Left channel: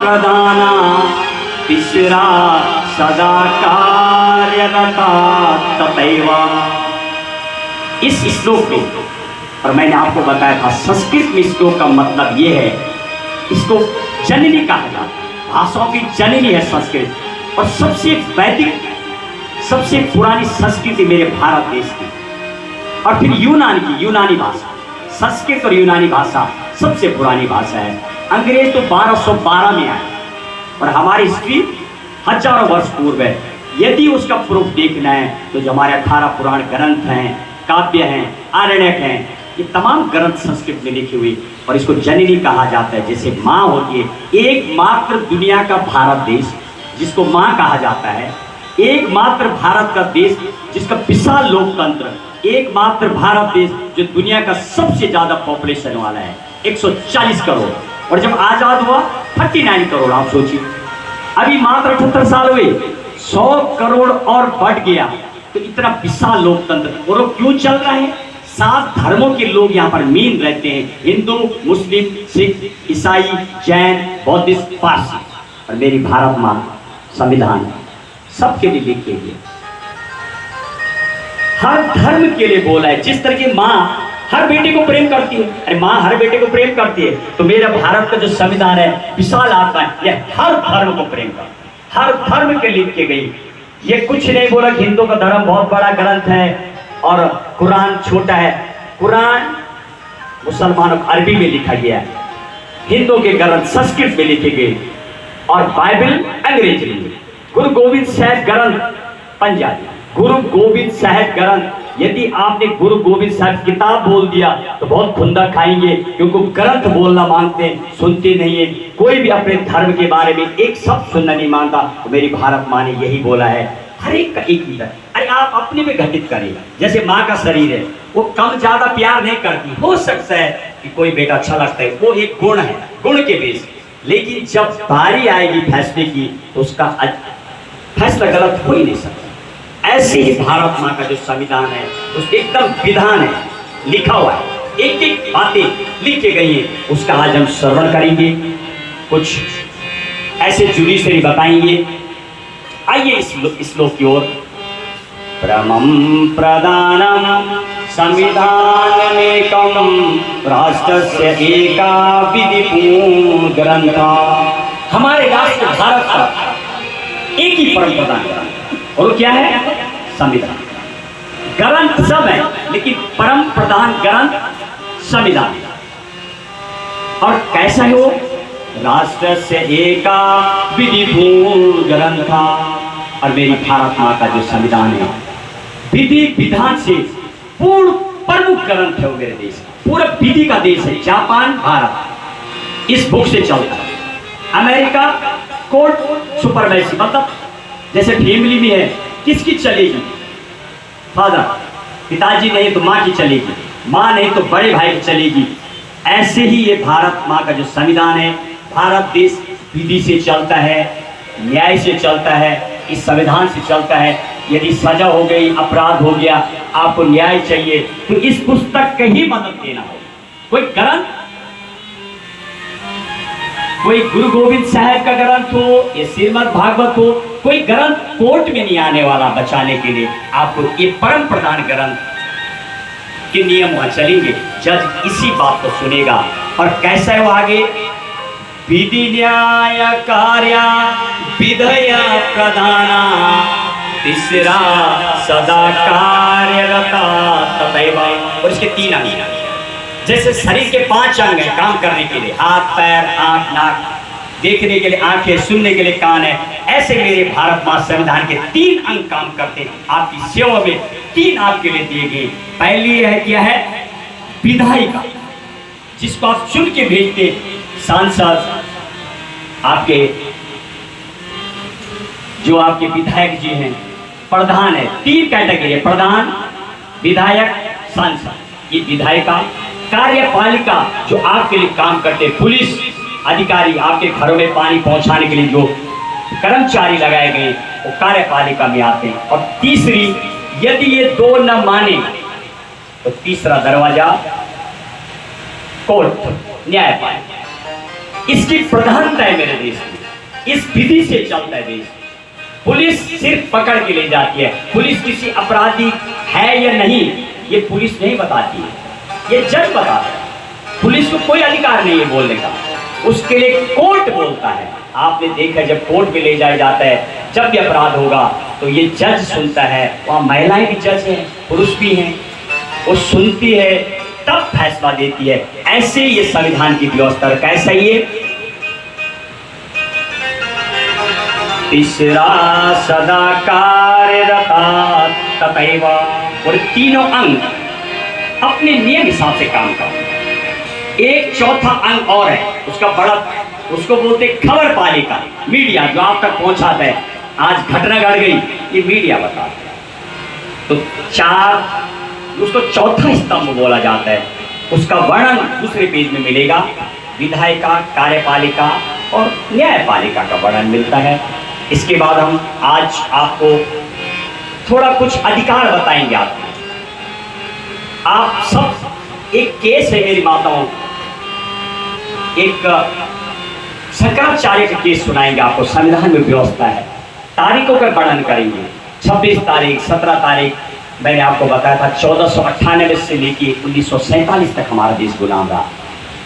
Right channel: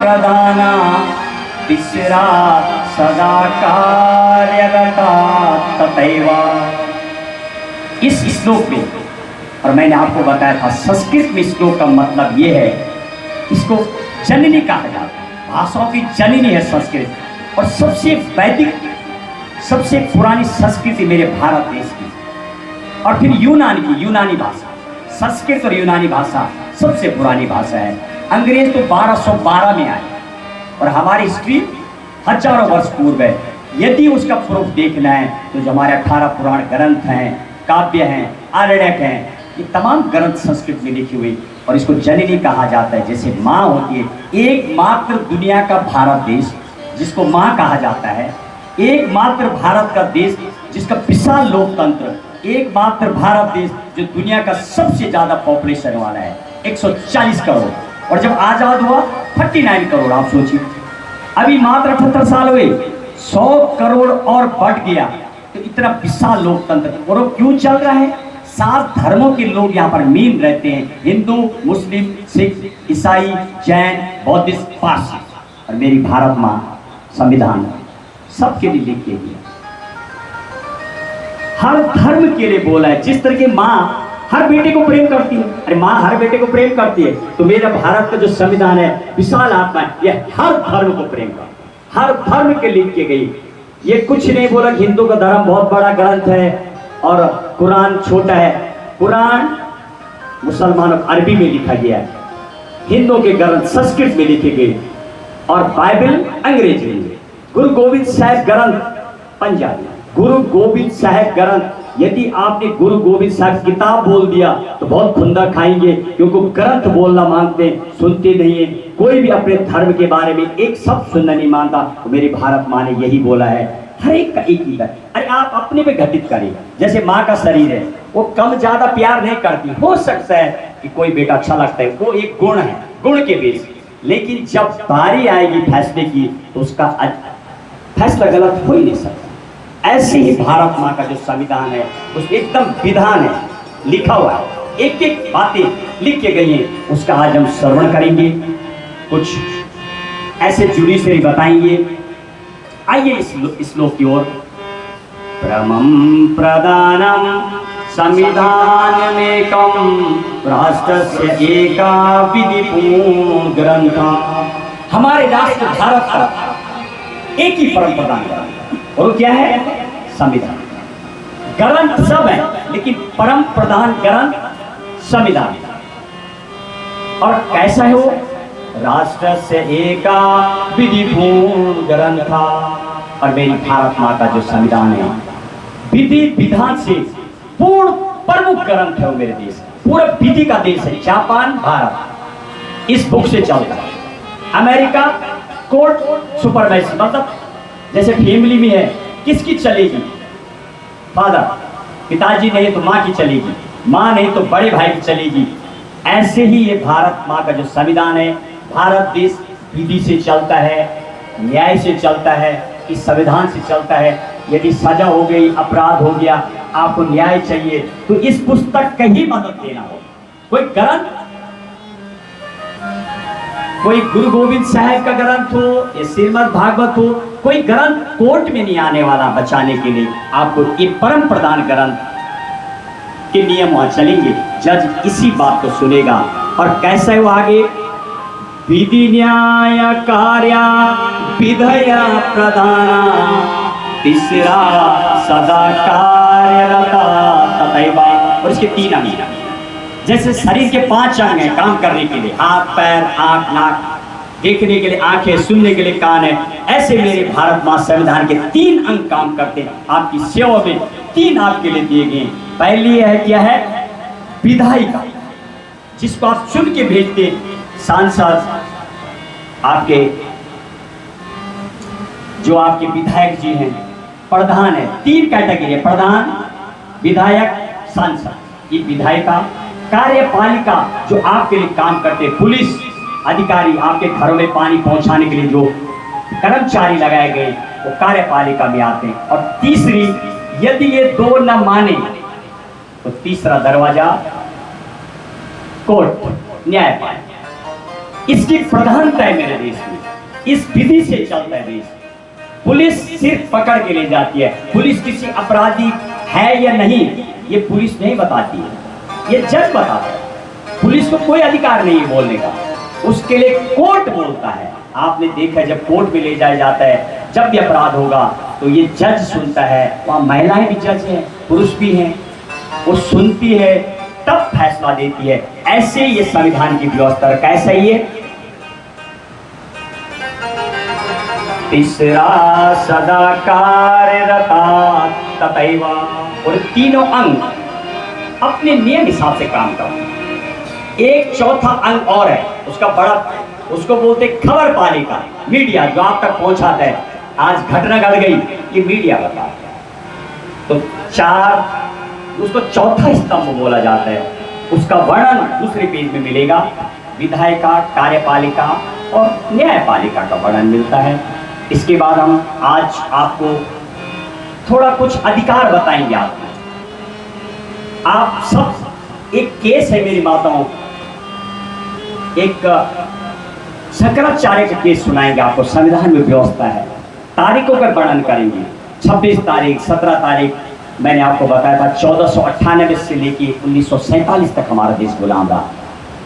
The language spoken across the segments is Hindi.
प्रधाना तिसरा सदा कार्यरता तथैवा। इस श्लोक में, और मैंने आपको बताया था संस्कृत में श्लोक का मतलब ये है, इसको जननी कहा जाता है, भाषाओं की जननी है संस्कृत। और सबसे वैदिक, सबसे पुरानी संस्कृति मेरे भारत देश की, और फिर यूनान की, यूनानी भाषा। संस्कृत और यूनानी भाषा सबसे पुरानी भाषा है। अंग्रेज तो 1212 में आए और हमारी हिस्ट्री हजारों वर्ष पूर्व है। यदि उसका प्रूफ देखना है तो जो हमारे 18 पुराण ग्रंथ हैं, काव्य हैं, आरण्यक हैं, ये तमाम ग्रंथ संस्कृत में लिखी हुई। और इसको जननी कहा जाता है, जैसे माँ होती है। एकमात्र दुनिया का भारत देश जिसको माँ कहा जाता है, एकमात्र भारत का देश जिसका विशाल लोकतंत्र, एकमात्र भारत देश जो दुनिया का सबसे ज्यादा पॉपुलेशन वाला है, 140 करोड़। और जब आजाद हुआ 39 करोड़। आप सोचिए, अभी मात्र 78 साल हुए, 100 करोड़ और बढ़ गया। तो इतना विशाल लोकतंत्र। और क्यों चल रहा है? 7 धर्मों के लोग यहाँ पर मीन रहते हैं, हिंदू, मुस्लिम, सिख, ईसाई, जैन, बौद्धिस्ट, पारसी। और मेरी भारत माँ संविधान सबके लिए लिख के गई, हर धर्म के लिए बोला है। जिस तरह की माँ हर बेटे को प्रेम करती है, अरे माँ हर बेटे को प्रेम करती है, तो मेरा भारत का जो संविधान है, विशाल आत्मा है, ये हर धर्म को प्रेम करता है, हर धर्म के लिख के गई। ये कुछ नहीं बोला कि हिंदू का धर्म बहुत बड़ा ग्रंथ है और कुरान छोटा है। कुरान मुसलमानों अरबी में लिखा गया है, हिंदू के ग्रंथ संस्कृत में लिखे गए, और बाइबल अंग्रेजी में। गुरु गोविंद साहब ग्रंथ पंजाबी, गुरु गोविंद साहब ग्रंथ। यदि आपने गुरु गोविंद साहब किताब बोल दिया तो बहुत खुंदा खाएंगे, क्योंकि ग्रंथ बोलना मानते हैं, सुनते नहीं है। कोई भी अपने धर्म के बारे में एक शब्द सुनना नहीं मानता। तो मेरी भारत माँ ने यही बोला है, हर एक का एक ही। अरे आप अपने में घटित करें, जैसे माँ का शरीर है, वो कम ज्यादा प्यार नहीं करती। हो सकता है कि कोई बेटा अच्छा लगता है, वो एक गुण है, गुण के बेस। लेकिन जब बारी आएगी फैसले की तो उसका फैसला गलत हो ही नहीं सकता। ऐसे ही भारत माँ का जो संविधान है, उस एकदम विधान है, लिखा हुआ है, एक एक बातें लिख के गई हैं। उसका आज हम श्रवण करेंगे, कुछ ऐसे जुडिशरी बताएंगे। आइए इस श्लोक की ओर। परमं प्रधानम संविधानमेकं राष्ट्रस्य एका विधिपूर्ण ग्रंथा। हमारे राष्ट्र भारत का एक ही परम प्रधान ग्रंथ, और क्या है? संविधान। ग्रंथ सब है, लेकिन परम प्रधान ग्रंथ संविधान। और कैसा है वो? राष्ट्र से एका विधिपूर्ण ग्रंथा। और मेरी भारत माँ का जो संविधान है, विधि विधान से पूर्ण प्रमुख ग्रंथ है वो मेरे देश का। पूरा विधि का देश है। जापान, भारत इस बुक से चलता है। अमेरिका कोर्ट सुपरमेसी, मतलब जैसे फैमिली में है, किसकी चलेगी? फादर, पिताजी नहीं तो माँ की चलेगी, माँ नहीं तो बड़े भाई की चलेगी। ऐसे ही ये भारत माँ का जो संविधान है, भारत देश विधि से चलता है, न्याय से चलता है, इस संविधान से चलता है। यदि सजा हो गई, अपराध हो गया, आपको न्याय चाहिए, तो इस पुस्तक का ही मदद लेना हो। कोई ग्रंथ, कोई गुरु गोविंद साहब का ग्रंथ हो या श्रीमद् भागवत हो, कोई ग्रंथ कोर्ट में नहीं आने वाला बचाने के लिए। आपको ये परम प्रधान ग्रंथ के नियम वहां चलेंगे। जज इसी बात को सुनेगा। और कैसा है वो आगे? विधि न्याय कार्य विधय प्रधाना तीसरा सदा कार्यरता तथैवा। और इसके 3 अंग, जैसे शरीर के 5 अंग हैं काम करने के लिए, हाथ, पैर, आंख, नाक, देखने के लिए आंखें, सुनने के लिए कान है। ऐसे मेरे भारत माँ संविधान के 3 अंग काम करते हैं। आपकी सेवा में 3 आपके लिए दिए गए। पहली है, क्या है? विधायिका, जिसको आप चुन के भेजते। सांसद, आपके जो आपके विधायक जी हैं। प्रधान है, 3 कैटेगरी है, प्रधान, विधायक, सांसद। ये विधायिका। कार्यपालिका, जो आपके लिए काम करते, पुलिस अधिकारी, आपके घरों में पानी पहुंचाने के लिए जो कर्मचारी लगाए गए, वो कार्यपालिका में आते हैं। और तीसरी, यदि ये 2 न माने तो तीसरा दरवाजा कोर्ट, न्यायपालिका। इसकी प्रधानता है मेरे देश में, इस विधि से चलता है देश। पुलिस सिर्फ पकड़ के ले जाती है, पुलिस किसी अपराधी है या नहीं ये पुलिस नहीं बताती है, ये जज बताता है। पुलिस को कोई अधिकार नहीं है बोलने का, उसके लिए कोर्ट बोलता है। आपने देखा जब कोर्ट में ले जाया जाता है, जब भी अपराध होगा तो ये जज सुनता है। वहाँ महिलाएं भी जज हैं, पुरुष भी हैं, वो सुनती है तब फैसला देती है। ऐसे ये संविधान की व्यवस्था। कैसा ये तीसरा सदा कार्यरता तथैव, और तीनों अंग अपने नियम हिसाब से काम करते हैं। एक चौथा अंग और है उसका बड़ा, उसको बोलते खबर पालिका, मीडिया जो आप तक पहुंचाता है। आज घटना घट गई ये मीडिया बताता है। तो चार, उसको चौथा स्तंभ बोला जाता है। उसका वर्णन दूसरे पेज में मिलेगा। विधायिका, कार्यपालिका और न्यायपालिका का वर्णन मिलता है। इसके बाद हम आज आपको थोड़ा कुछ अधिकार बताएंगे। आप सब, एक केस है मेरी माताओं, एक शंकराचार्य का केस सुनाएंगे आपको। संविधान में व्यवस्था है, तारीखों का वर्णन करेंगे। 26 तारीख, 17 तारीख मैंने आपको बताया था 1498 से लेके 1947 तक हमारा देश गुलाम रहा।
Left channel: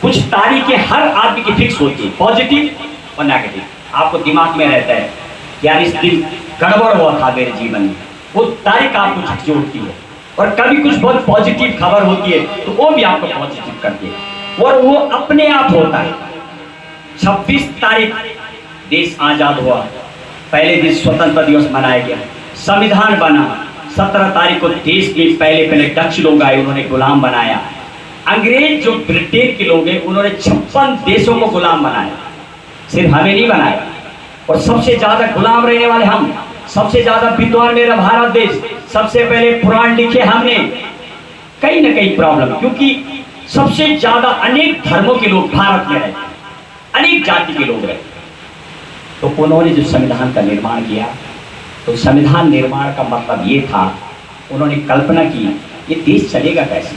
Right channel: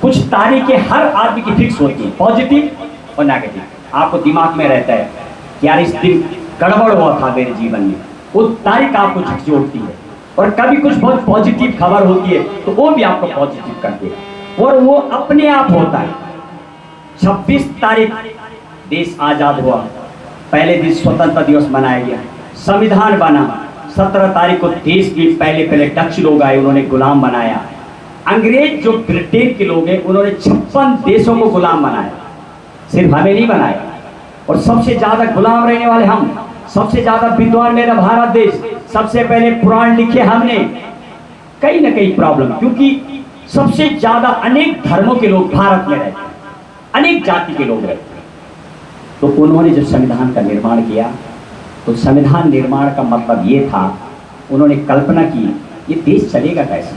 कुछ तारीखें हर आदमी की फिक्स होती है, पॉजिटिव और नेगेटिव। आपको दिमाग में रहता है यार इस दिन गड़बड़ हुआ था मेरे जीवन में, वो तारीख आपको झकझोरती है। और कभी कुछ बहुत पॉजिटिव खबर होती है तो वो भी आपको पॉजिटिव करती है, और वो अपने आप होता है। 26 तारीख देश आजाद हुआ, पहले दिन स्वतंत्रता दिवस मनाया गया, संविधान बना। 17 तारीख को देश के पहले डच लोग आए, उन्होंने गुलाम बनाया। अंग्रेज जो ब्रिटेन के लोग हैं उन्होंने 56 देशों को गुलाम बनाया, सिर्फ हमें नहीं बनाया। और सबसे ज्यादा गुलाम रहने वाले हम, सबसे ज्यादा विद्वान मेरा भारत देश, सबसे पहले पुराण लिखे हमने। कहीं ना कहीं प्रॉब्लम, क्योंकि सबसे ज्यादा अनेक धर्मों के लोग भारत में रहते हैं, अनेक जाति के लोग रहते हैं। तो उन्होंने जो संविधान का निर्माण किया, तो संविधान निर्माण का मतलब ये था, उन्होंने कल्पना की ये देश चलेगा कैसे।